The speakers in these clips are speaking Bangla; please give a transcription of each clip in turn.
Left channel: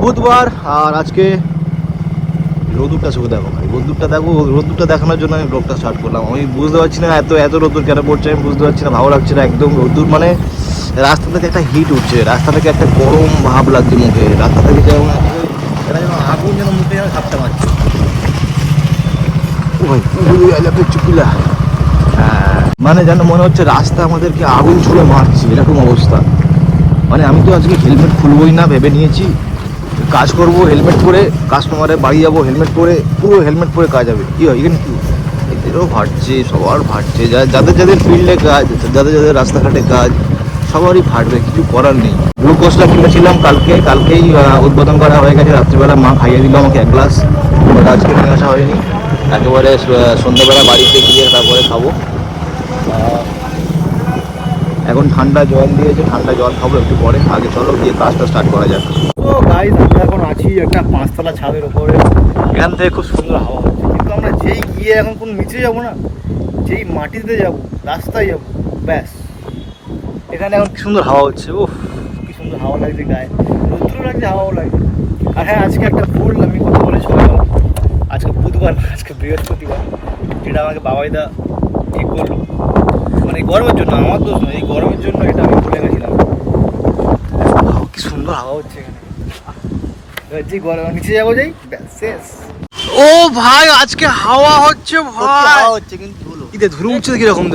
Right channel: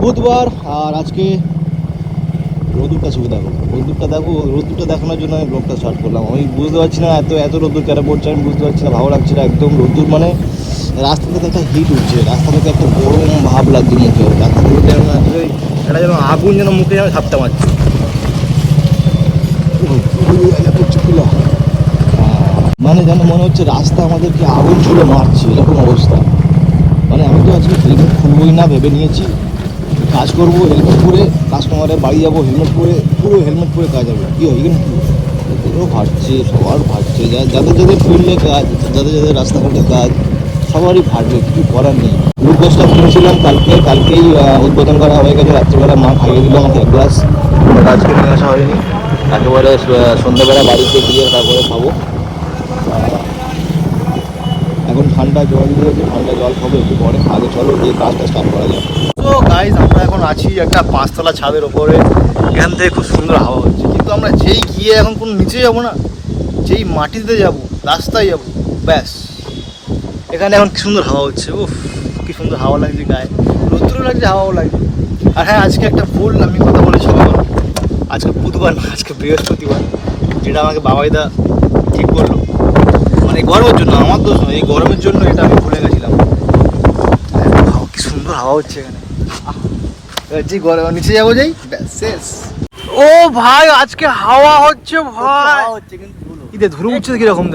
বুধবার, আর আজকে রোদুরটা শুধু দেখো ভাই রোদুরটা দেখো রোদুরটা দেখানোর জন্য আমি ব্লগটা স্টার্ট করলাম। আমি বুঝতে পারছি না এত এত রোদুর কেন পড়ছে, আমি বুঝতে পারছি না, ভালো লাগছে না, একদম রোদুর মানে রাস্তা থেকে একটা হিট উঠছে, রাস্তা থেকে একটা গরম ভাব লাগছে মুখে, রাস্তা থেকে যেমন এটা যেন আগুন যেন মুখে যেন ঝাপটা মারছে। মানে যেন মনে হচ্ছে রাস্তা আমাদেরকে আগুন ছুড়ে মারছে, এরকম অবস্থা। মানে আমি তো আজকে হেলমেট খুলবই না, ভেবে নিয়েছি। কাজ করব, হেলমেট পরে কাস্টমারের বাড়ি যাব, হেলমেট পরে, পুরো হেলমেট পরে কাজ হবে। কি হয় এখানে কি? এদেরও ফাটছে সবার ফাটছে যাদের যাদের ফিল্ডে কাজ, যাদের যাদের রাস্তাঘাটে কাজ, সবারই ফাটবে কিছু করার নেই। গ্লুকোজটা কিনেছিলাম কালকে, কালকেই উদ্বোধন করা হয়ে গেছে, রাত্রিবেলা মা খাইয়ে দিল আমাকে এক গ্লাস আজকে নিয়ে আসা হয়নি। একেবারে সন্ধ্যাবেলা বাড়িতে গিয়ে তারপরে খাব। এখন ঠান্ডা জল দিয়ে যে ঠান্ডা জল খাব একটু পরে। আগে চলো গিয়ে কাজটা স্টার্ট করা যাক। তো গাইজ আমরা এখন আছি একটা পাঁচতলা ছাদের ওপরে। এখান থেকে খুব সুন্দর হাওয়া হচ্ছে। কিন্তু আমরা যেই গিয়ে এখন কোন নিচে যাব না, যেই মাটিতে যাব, রাস্তায় যাব, ব্যাস। এখানে এখন সুন্দর হাওয়া হচ্ছে, উফ, কি সুন্দর হাওয়া লাগছে গায়ে। রৌদ্র লাগছে, হাওয়াও লাগছে। আর হ্যাঁ আজকে একটা ভুল আমি কথা বলেছিলাম। আজকে বুধবার না, আজকে বৃহস্পতিবার। যেটা আমাকে বাবাইদা ঠিক করল। মানে এই গরমের জন্য আমার দোষ নয় এই গরমের জন্য এটা আমি ভুলে গেছিলাম। কি সুন্দর হাওয়া হচ্ছে এখানে। যে গরম নিচে যাব যাই শেষ। ও ভাই আজকে হাওয়া হচ্ছে ভাই। হচ্ছে কিন্তু ইদে ধুরু উঠছে কীরকম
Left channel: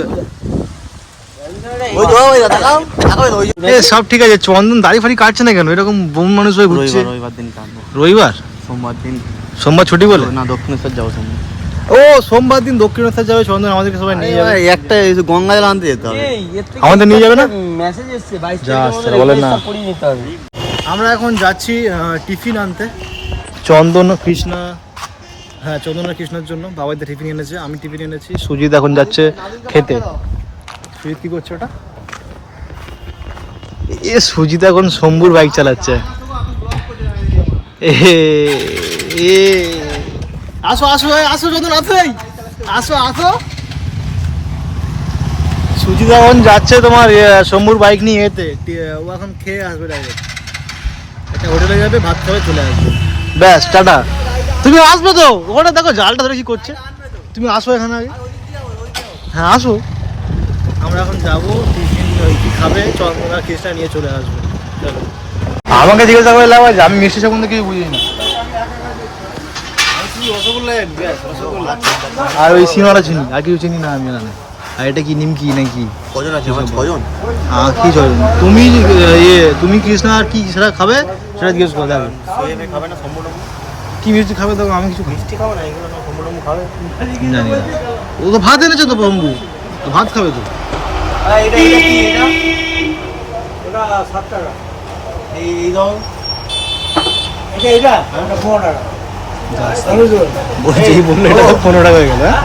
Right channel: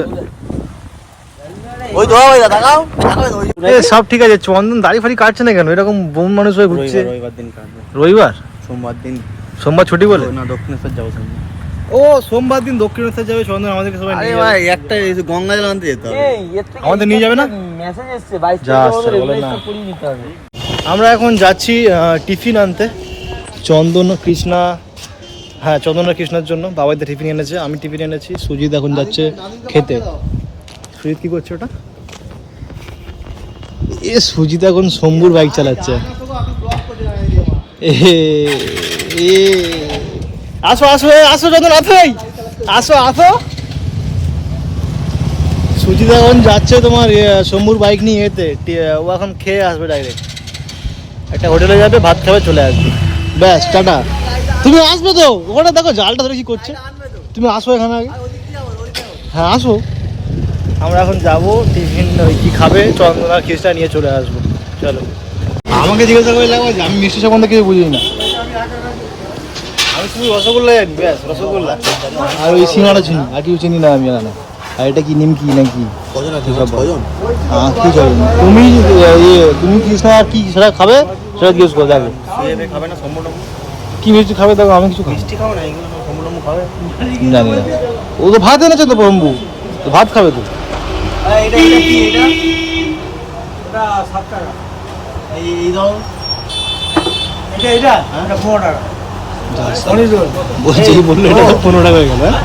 এ সব ঠিক আছে চন্দন দাড়ি ফাড়ি কাটছে না কেন? এরকম বোন মানুষ হয়ে ঘুরছে। রবিবার? সোমবার দিন। সোমবার ছুটি বলে? না দক্ষিণেশ্বর যাব সোমবার। ও সোমবার দিন দক্ষিণেশ্বর যাবে চন্দন আমাদেরকে সবাই নিয়ে যাবে। একটা গঙ্গা জল আনতে যেতে হবে। আমাদের নিয়ে যাবে না? মেসেজ এসছে বাইশ বলেন না। আমরা এখন যাচ্ছি টিফিন আনতে। চন্দন কৃষ্ণা হ্যাঁ চন্দন আর কৃষ্ণার জন্য। বাবাইতে টিফিন এনেছে আমি টিফিন এনেছি। সুজিত এখন যাচ্ছে খেতে। সুজিত কি করছে ওটা? এ সুজিত এখন শম্ভুর বাইক চালাচ্ছে। এ এ আসো আসো আসো চন্দন আসো। আসো আসো। সুজিত যাচ্ছে তোমার শম্ভুর বাইক নিয়ে এতে। ও এখন খেয়ে আসবে ডাইরেক্ট একটা হোটেলে যাবে, ভাত খাবে, চলে আসবে। ব্যাস, টাটা। তুমি আসবে তো? ওখানে দেখো, জালটা ধরে কি করছে। তুমি আসো এখানে আগে। হ্যাঁ আসো। আমরা এখন যাব টিফিন ওই কি খাবে চন্দনা খিস্টা নিয়ে চলে আসবে। চলো। আমাকে জিজ্ঞাসা করে লাভ আছে আমি মিষ্টি সম্বন্ধে কিছু বুঝি না আমি শুধু রসগোল্লা এক ব্যাস রসগোল্লা আর ওই সিঙ্গাড়া চিনি আর কিছু চিনি না আমি এখানে আর এটা কি নিমকি নাকি? হ্যাঁ কি চলবে তুমি ইয়ে তুমি কৃষ্ণা আর কি সেটা খাবে? সেটা জিজ্ঞেস করে সম্পূর্ণ কি মিষ্টি খাবে দেখো আমি কিছু খাব মিষ্টি খাবে না জানি না। ও তো ভাত এনেছে তো বম্বু তো ভাত খাবে তো। এই দাও। বলছি কি বলল এটা তো পনেরো টাকা হয়ে গেল হ্যাঁ?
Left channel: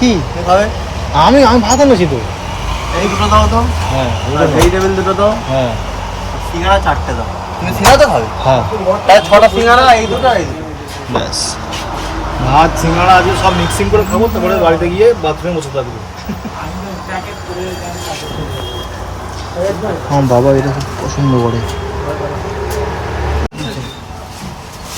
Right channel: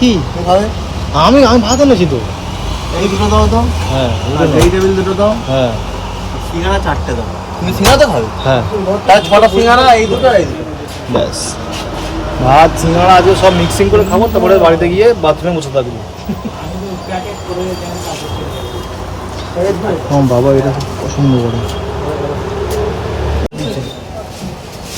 কি? আমি আমি ভাত এনেছি তো। এই দুটো দাও তো। হ্যাঁ এই টেবিল দুটো। দাও। হ্যাঁ। সিঙ্গাড়া চারটে দাও। তুমি সিঙ্গাড়া তো খাবে? হ্যাঁ। তাহলে ছটা সিঙ্গাড়া এই দুটো এই দুটো। ব্যাস। ভাত সিঙ্গাড়া আজকে সব মিক্সিং করে খাব তারপরে বাড়িতে গিয়ে বাথরুমে বসে থাকব। আমার বাবা এটা খুব পছন্দ করে দেখতে পাও না কি? হুম?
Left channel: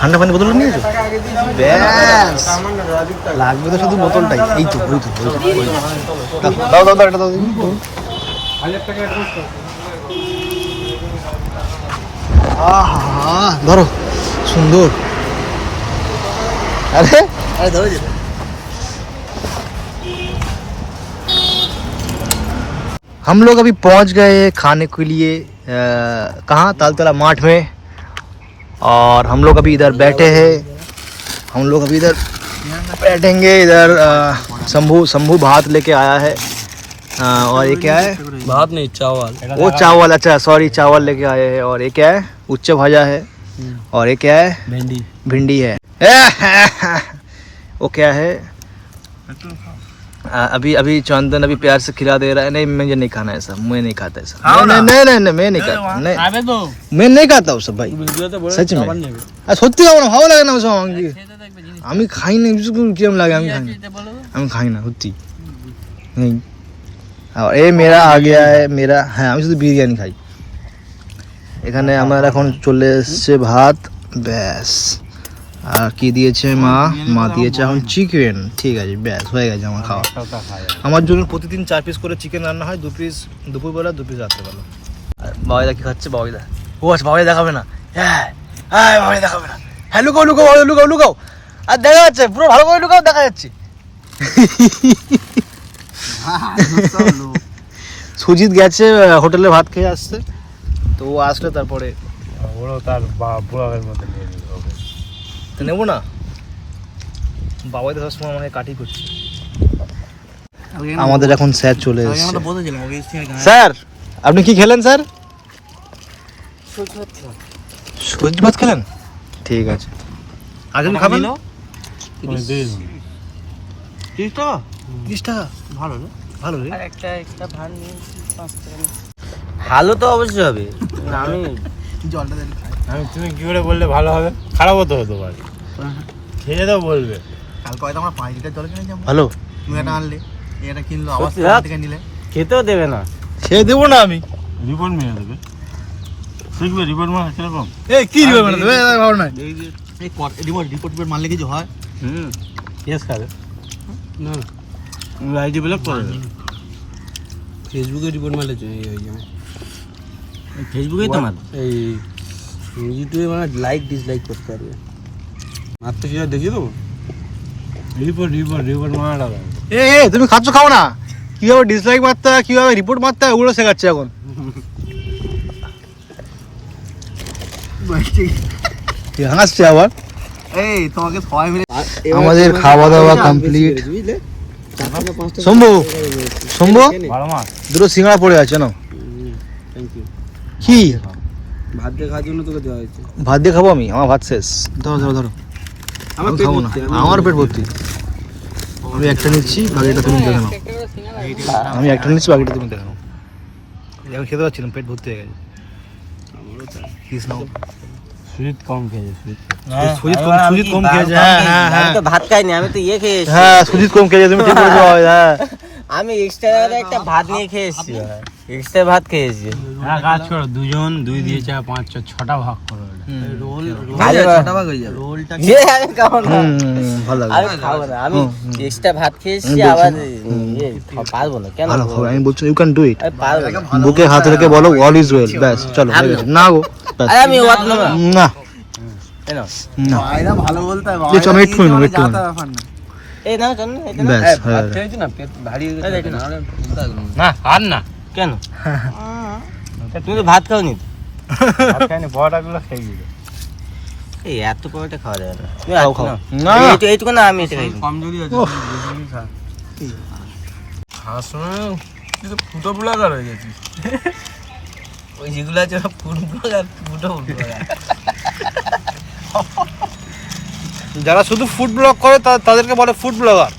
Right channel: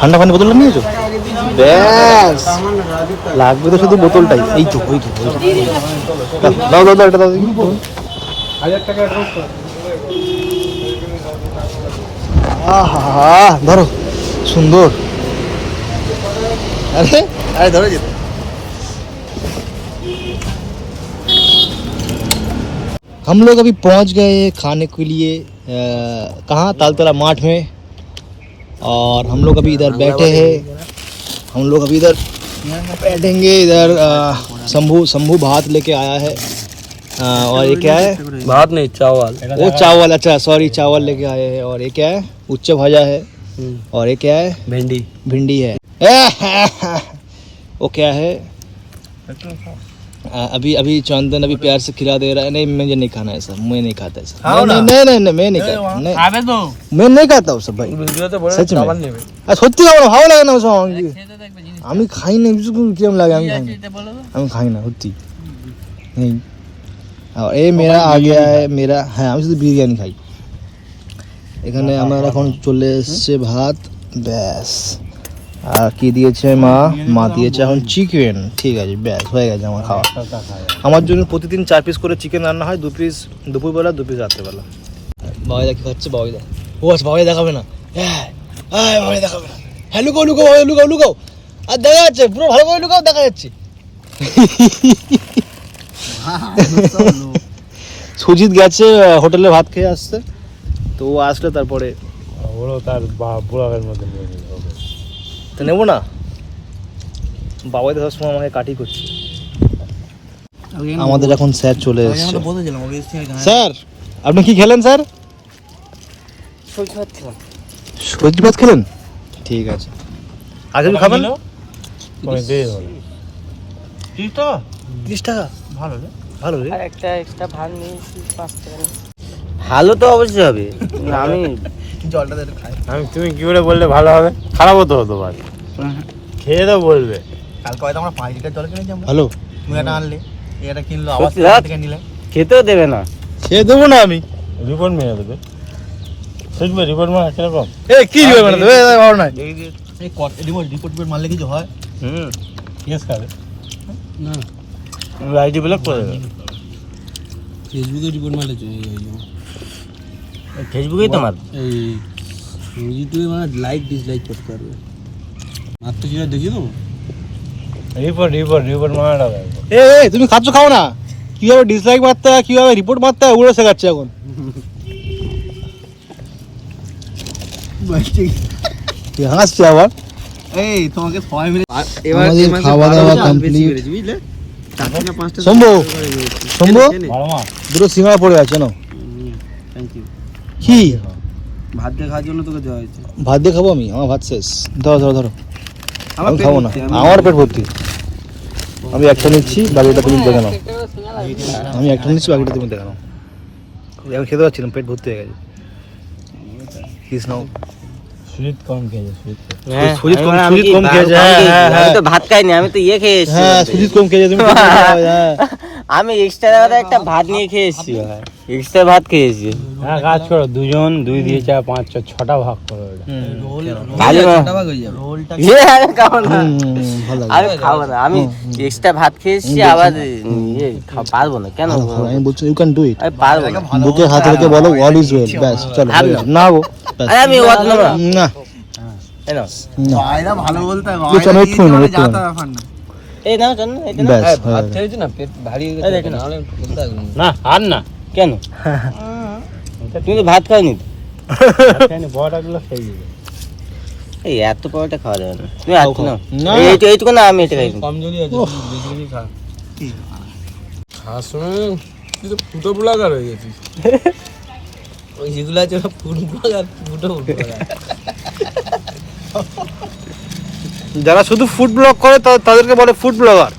ঠান্ডা পানি বোতলটা নিয়েছো ব্যাস লাগবে তো শুধু বোতলটাই এই তো ওই তো ওই তো ওই তো। দাও দাও দাও একটা দাও দেখি। আহা ধরো সুন্দর আরে আরে ধরে যেতে हम लोग अभी पहुंच गए खाने के लिए अ, कहाँ तालतला माठ में और हम लोग अभी इधर बैठे हैं। हम लोग अभी इधर बैठेंगे इधर शंभू शंभू भात लेके आया है। आ, और ये क्या है? भात नहीं चावल। वो चावल अच्छा सॉरी चावल लेके आए हैं। और ये क्या है? उच्च भाजा है। हम्म। और ये क्या है? भिंडी। भिंडी है। वो क्या है? आ, अभी अभी चंदन अभी प्यार से खिला दे रहा है नहीं मुझे नहीं खाना ऐसा मैं नहीं खाता ऐसा खाओ नहीं ना। नहीं नहीं नहीं मैं नहीं खाता नहीं খাবে তো मैं नहीं खाता वो सब भाई सच में আর সত্যি খাবো না ভালো লাগে না ওসব আমাকে আমি খাই না বিশেষ করে কিরম লাগে আমি খাই না আমি খাই না সত্যি নেই আর এ মেরা আ গিয়া है মেরা হ্যাঁ আমি শুধু বিরিয়ানি খাই এখানে আমার এখন চলে এসছে ভাত ব্যাস আর কি দিয়েছে মা? মা দিয়েছে এখন চিকেন ঠিক আছে, ব্যাস, হয়ে গেছে আমার খাওয়া। আমার জন্য প্রতিদিন চার পিস করে চিকেন রান্না হয়, দু পিস দুপুরবেলা, দু পিস রাত্রেবেলা। বাবাইদা কি খাচ্ছে? বাবাইদা। ও আচ্ছা বাবাই দেখাবে না। হ্যাঁ হ্যাঁ বাবাই দেখাবে না। হ্যাঁ লুকাও লুকাও লুকাও লুকাও। আর দেখা যাচ্ছে, পুরো ভালো করে লুকাও, দেখা যাচ্ছে। সুজিত গেছে হোটেলে ভাত খেয়ে আসতে তো ও আসলে তারপরে ওরাও তার বুড়াবের মধ্যে নিয়ে নিল। তো নেব না? বাবাই তো সবসময় আমাকে কাটি করছে। আমাদের এখন স্যার চলে এসেছে। স্যার আপনি কি খেলেন স্যার? সবজি ভাত খেলেন? ঠিক আছে। আগামী খাবেন? তিরিশ টাকা? ভালো একটা ভাত ভালো তো অবশ্যই হবে। আমি জলটা একটু খাই। আমি তুমি কি করে বললে ভালো হবে? খারাপ হতো হতো পারে। খেয়ে তো বলবে। কালকে হয়তো আমরা পাঁচ লিটার জল কিনেছি আমরা। ভালো তুমি একটা আনলে এটা কিনলো আবার? থেকে নিলে। খেতেও দেবে না। খেয়ে দেবো না আমি। রিপোর্ট মেরে দেবে। শুনবে রিপোর্ট মারা কীরকম? এ কি দিবে মানে দেবে? ভালো না এই কট রিপোর্ট রিপোর্ট মারলে কিছু হয়? হুম ইয়েস খাবে। আইডি ব্লক করে ফেসবুকে রিপোর্ট মারলে হয়ে যাবে। ফেসবুকেই তো মার ইউটিউবে মানে লাইক ডিসলাইক করতে পারবে। মারতে সেটা দেখিয়ে দেবো? রিপোর্ট রিপোর্ট রিপোর্ট হবে এ এ তুমি খাচ্ছ খাও না। কীভাবে ডিসলাইক মারতে হয় কীভাবে রিপোর্ট মারতে হয় ওগুলো শেখাচ্ছে এখন। কি হাসছে আবার। এই তোমাকে সবাই মিলে আমাদের খাওয়া দাওয়া complete। শম্ভু শম্ভু? দুটো সিঙ্গাড়া পড়ে আছে না কি? ভাত দিয়ে খাওয়ার জন্য তোকে দেওয়া হয়েছে। ভাত দিয়ে খাব আমি? আমার ভাত শেষ। ধরো ধরো ধরো। আমি খাব না। আমার পেট ভর্তি। আমি একটা নিচ্ছি বাকিটা তুমি দেখে নাও। আমি একটা নিচ্ছি বাকিটা তুমি দেখে নাও। এখন খেতে না পেট ভর্তি হয়ে গেছে। Please now. সুইট কম খেয়েছে সুইট সুজিত কম সুজিত কম খেয়েছে হ্যাঁ হ্যাঁ আমি হ্যাঁ। তো ভাত খাইনি আমি তো ইয়ে খেয়ে এসেছি হ্যাঁ সুজিত কম খেয়েছে তুমি ঠিক বলছো হ্যাঁ। আমি এক্সট্রা একটা ভাত নিয়ে খেয়ে এসেছি এক্সট্রা ভাত খেয়েছি। হ্যাঁ কাজ করো দুজন দুই দিয়ে চার পাঁচ ছ ছটা ভাগ করো এটা। রোল ছটা ভাগ হয়ে যাবে। রোলটা আমি খাব না। হুম, হুম, হুম, ভালো আমি খাব না। আমি এক্সট্রা ভাত খেয়েছি আবার ইয়ে পারব না। কেন ভালো ভালো আমি বলছি ইউ ক্যান ডু ইট আমি পারব বুকে হাত রেখে বলো অল ইজ ওয়েল ব্যাস চলো হয়ে গেছে। না গো আরে আমি ওয়াট না। না। না। ভালো বলতে আমি একটু নেব, একটু নেব। এই নাও চল না ব্যাস হয়ে গেছে। খেয়েছি না পেট ভারী গেছে নাহলে না আর না। কেন? তুমি তো ভাত খাওনি তো? ভাত খাইনি বড়াগুলো খেয়ে এই এত খাওয়া যাবে না। তুমি আর খাও। না। এইটুকু না আমি এটা খাই। কমজোরি আছে ওহ। তুই তো ফুটো ব্লগার হয়ে গেছিস। ওই যেগুলো আছে ফুড ব্লগার ফুটো ব্লগার। যারা শুধু ফুড ব্লগ করে তা- তাদেরকে বলে ফুড ব্লগার।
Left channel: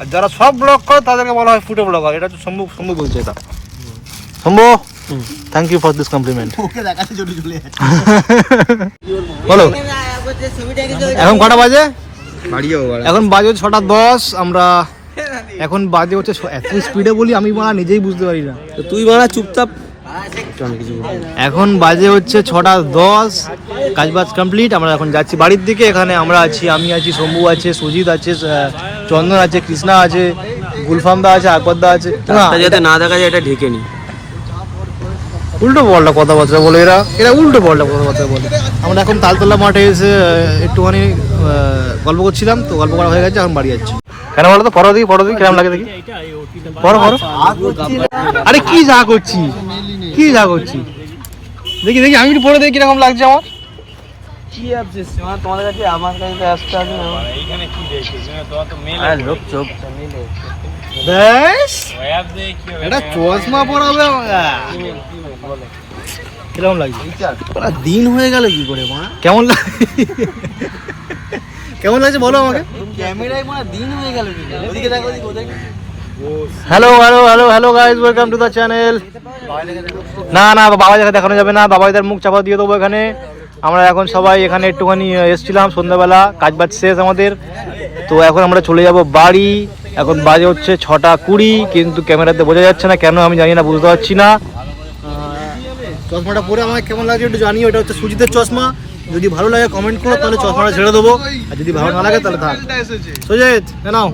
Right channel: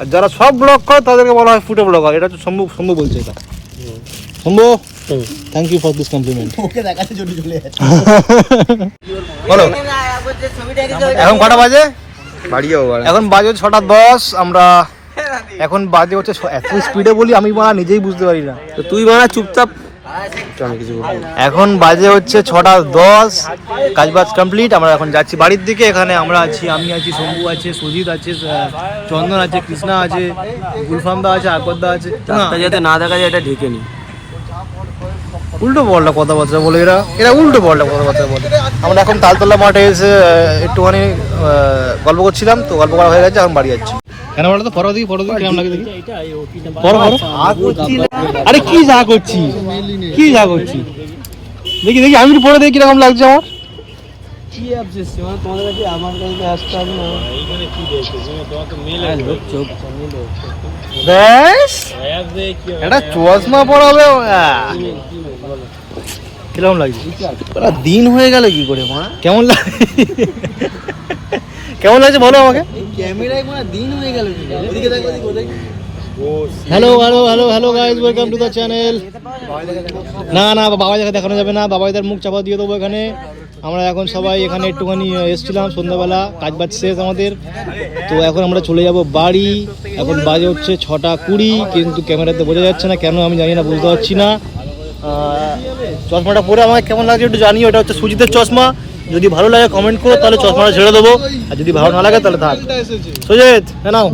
আর যারা সব ব্লগ করে তাদেরকে বলা হয় ফুটো ব্লগার। এটা সম্ভব শম্ভু বলছে এটা। Shambhu thank you for this compliment বলো। এখন কটা বাজে? বাড়ি এখন বাজে ছটা দশ আমরা এখন বাজে হচ্ছে এত স্পিডে বলি আমি বা নিজেই বুঝতে পারি না। তো তুই বাড়া চুপচাপ। না। এখন বাজে হচ্ছে ছটা দশ কাজবাজ কমপ্লিট আমরা এখন যাচ্ছি বাড়ির দিকে এখানে আমরা আছি আমি আছি শম্ভু আছে সুজিত আছে চন্দন আছে কৃষ্ণা আছে গুলফামদা আছে আকবরদা আছে। যাতে না দেখা যায় এটা ঢেকে নি। উল্টো পাল্টা কথাবার্তা বলে এরা এরা উল্টো পাল্টা কথাবার্তা বলে। আমরা এখন তালতলা মাঠে এসে একটুখানি গল্প করছিলাম তো গল্প করা হয়ে গেছে এখন বাড়ি যাচ্ছি। কেন বলো তো? ফটো দিই ফটো দিই কেমন লাগে দেখি? পড়ো পড়ো আরে কি যা করছি? কি যা করছি? দেখি দেখি আমি একটু পড়ে দেখি কীরকম লাগছে আমার। কি ভাবছিস তোমাদের কাছে আমার কাছে আসতে আমি এইখানে কি দেখছে? তোমার তো মেল লোক চোখ। ব্যাস। এটা চশমা পড়াবে কীরকম লাগছে? দিন হয়ে গেল কি করে মা? কেমন লাগে কেমন লাগছে বলো আমাকে? ক্যামেরায় মানে দিন হয়ে গেল ওদিকে hello hello hello hello guys welcome to the channel না না বাবা জায়গা দেখানো যাবে না বাবাইদের মুখ চাপা দিয়ে দেবো এখানে। আমরা এখন সবাই এখানে একটুখানি এসছিলাম সন্ধ্যাবেলা কাজ বাজ শেষ আমাদের। তো এখন আমরা চলে যাব বাড়ি। এখন বাজে হচ্ছে ছটা কুড়ি কিন্তু ক্যামেরাতে বোঝা যাচ্ছে না কেন আমি জানি না বুঝতে পারছি না। চশমাটা পরে আমাকে কেমন লাগছে একটু জানি ওটা হচ্ছে সুজিতের চশমা। যদি ভালো লাগে কমেন্ট করো, তাহলে চশমাটা ছেড়ে দেবো। আর যদি ভালো না লাগে, তাহলে থাক। সুজিত নাও।